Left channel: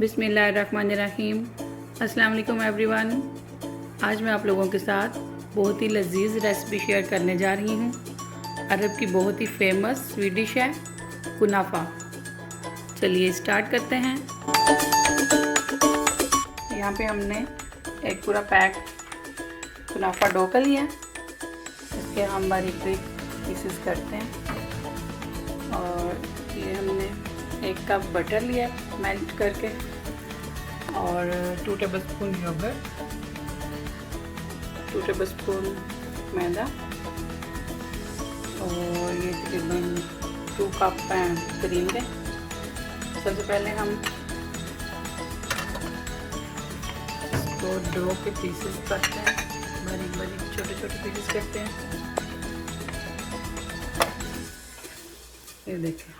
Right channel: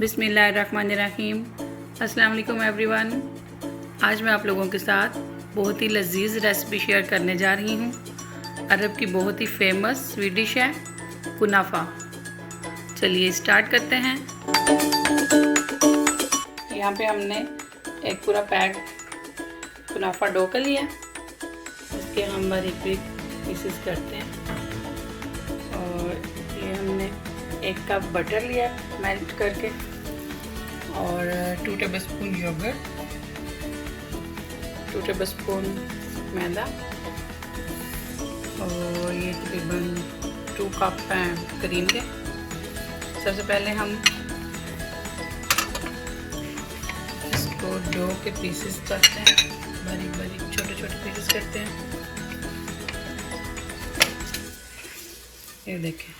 बिस्मिल्लाहिर्रहमानिर्रहीम। अस्सलाम वालेकुम एवरीवन। आज मैं आप लोगों के साथ बहुत ही लजीज रेसिपी शेयर करने जा रही हूँ। अरब की बहुत ही फेमस स्वीट डिश है कुनाफा। चलिए स्टार्ट करते हैं। यहाँ पे हमने एक पूरा पैक कुनाफा डो का लिया। इसके हम बारीक पीसेस करते हैं। और ये हमने 1 कप बटर लिया मेल्ट करके और 2 टेबलस्पून योगर्ट, 2 टेबलस्पून मैदा और ये तकरीबन 2 कप क्रीम के। सबसे पहले हम इसको डो के पीसेस करते हैं, बारीक बारीक छोटे छोटे पीसेस करते हैं। ये देखें,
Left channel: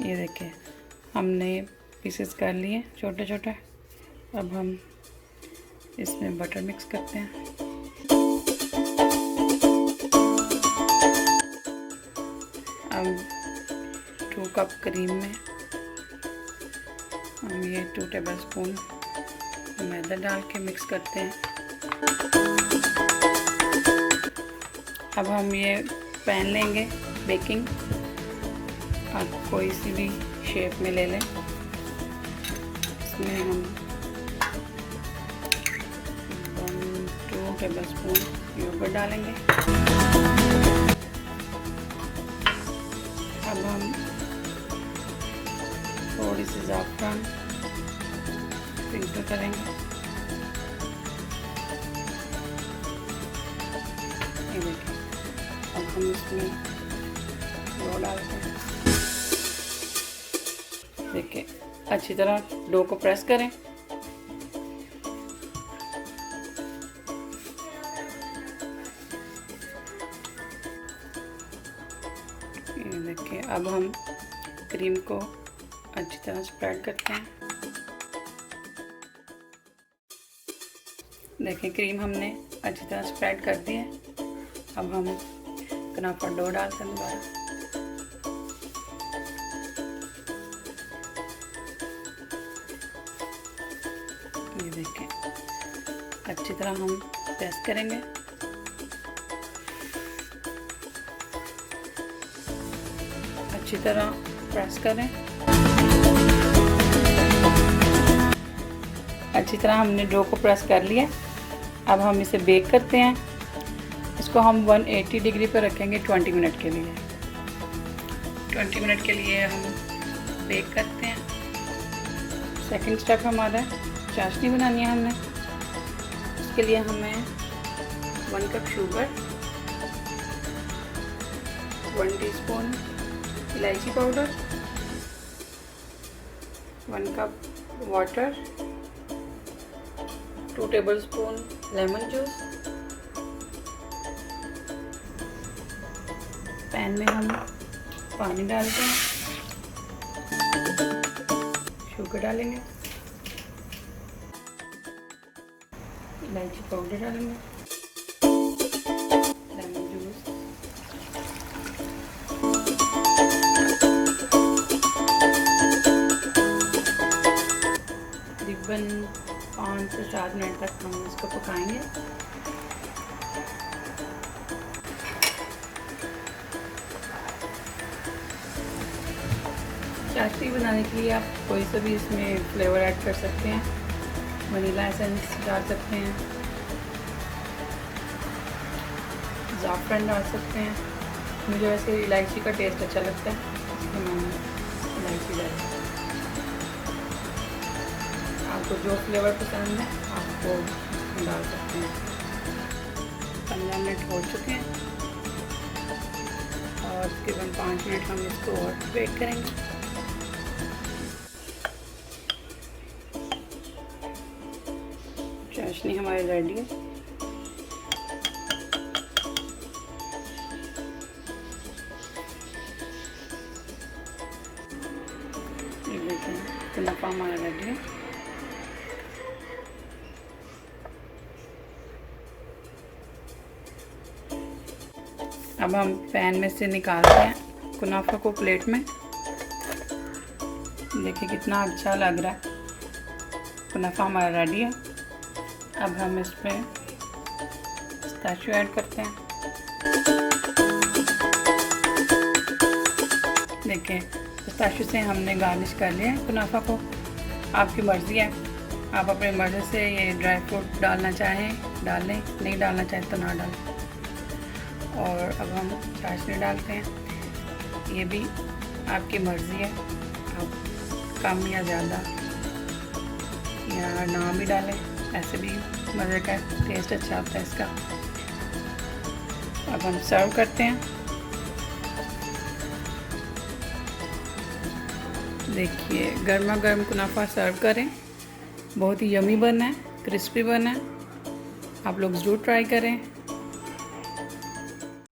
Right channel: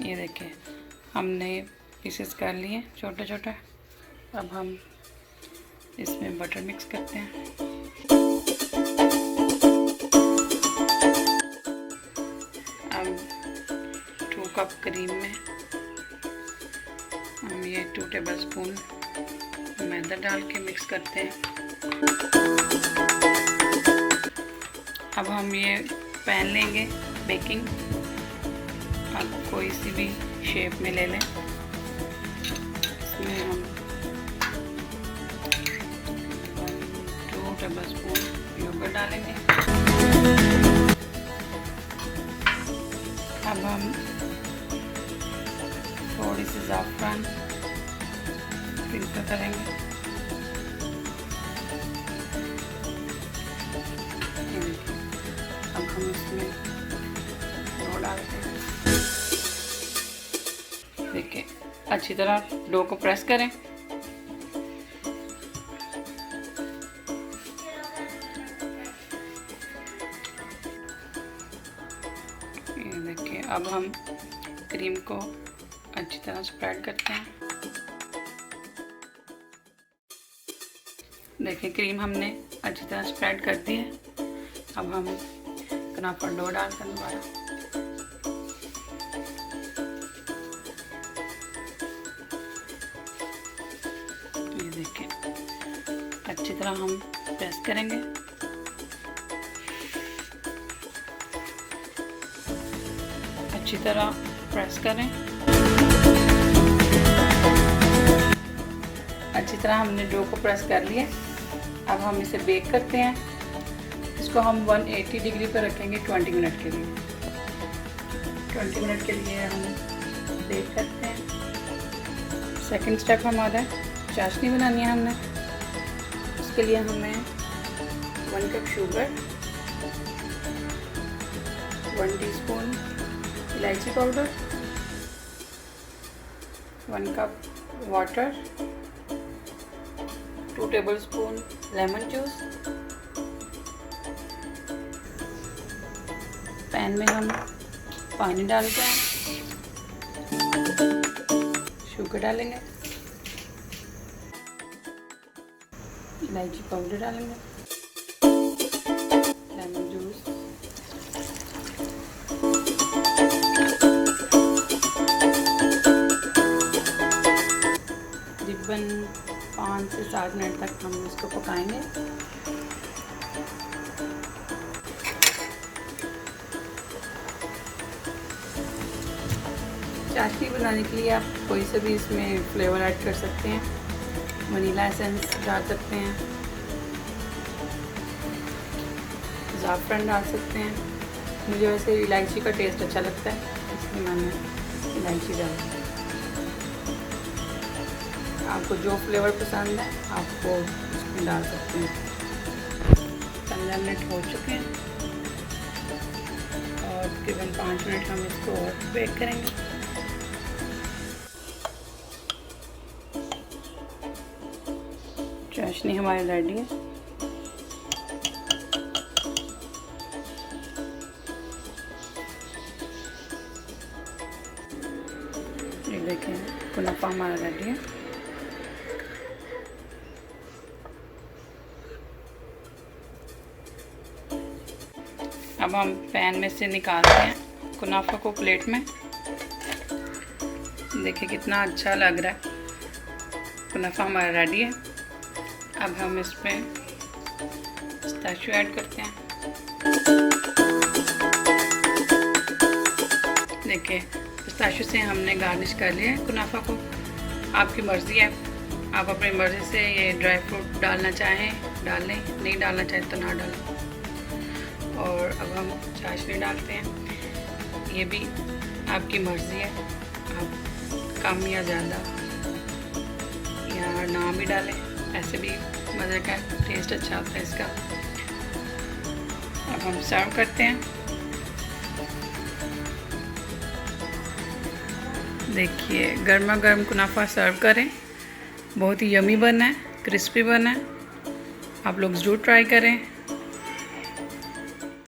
ये देखिए हमने पीसेस कर लिए छोटे छोटे। अब हम इसमें बटर मिक्स करते हैं। अब 2 कप क्रीम में हम ये 2 टेबलस्पून मैदा डाल के मिक्स करते हैं। अब हम ये पैन लेंगे बेकिंग, आप कोई सी भी शेप में ले लें। इसमें हम 2 टेबलस्पून योगर्ट डालेंगे। अब हम थोड़ी सी ज़ाफ़रान फिल्टर करेंगे। ये देखिए, अब हम इसमें डो डालते हैं। देखिए, अच्छी तरह डो को प्रेस करें। ये देखिए, अब हम क्रीम को अच्छी तरह स्प्रेड करते हैं। देखिए, क्रीम हमने अच्छी तरह स्प्रेड कर दी है। अब हम कुनाफा डो डालते हैं दोबारा। ये देखिए, अच्छी तरह हम प्रेस करेंगे। अच्छी तरह प्रेस करें। अच्छी तरह हमने डो को प्रेस कर लिया। अब हम इसे बेक करते हैं। इसको हम 180 डिग्री पर रखेंगे 20 मिनट के लिए। 20 मिनट के लिए हम बेक करते हैं। सेकंड स्टेप हमारा चाशनी बनानी है हमने। उसके लिए हमें 1 कप शुगर, 1 टीस्पून इलायची powder, 1 cup water, 2 tablespoon lemon juice. Pan में हम पानी डालते हैं, शुगर डालेंगे, इलायची पाउडर डालेंगे, लेमन जूस, तकरीबन 5 से 7 मिनट तक हम इसको पकाएंगे। चाशनी बनाने के लिए आप कोई सा भी इसमें फ्लेवर ऐड कर सकते हैं। वनीला एसेंस डाल सकते हैं, ज़ाफ़रान डाल सकते हैं। मुझे वैसे इलायची का टेस्ट अच्छा लगता है, इसलिए मैंने इलायची डाली। आपको जो फ्लेवर पसंद है आप वो इसमें डाल सकते हैं। 15 मिनट हो चुके हैं और तकरीबन 5 मिनट हम इसको और बेक करेंगे। चाशनी हमारी रेडी है। ये देखें, कुनाफा हमारा रेडी है। अब हम पैन में से निकालते हैं कुनाफा को प्लेट में। देखिए कितना अच्छा लग रहा है। कुनाफा हमारा रेडी है। अब हम इसमें पिस्ताशियो ऐड करते हैं। देखिए पिस्ताशियो से हमने गार्निश कर लिया है कुनाफा को। आपकी मर्ज़ी है, आप अपनी मर्ज़ी से ये ड्राई फ्रूट डालना चाहें डाल लें, नहीं डालना चाहें तो ना डालें। और अब हम चाशनी डालते हैं। ये भी आपकी मर्ज़ी है, आप कम या ज़्यादा या ना भी डालें, ऐसे भी मज़े का टेस्ट अच्छा आता है इसका। अब हम सर्व करते हैं। देखिए गर्मा गर्म कुनाफा सर्व करें। बहुत ही यमी बना है, क्रिस्पी बना है। आप लोग ज़रूर ट्राई करें।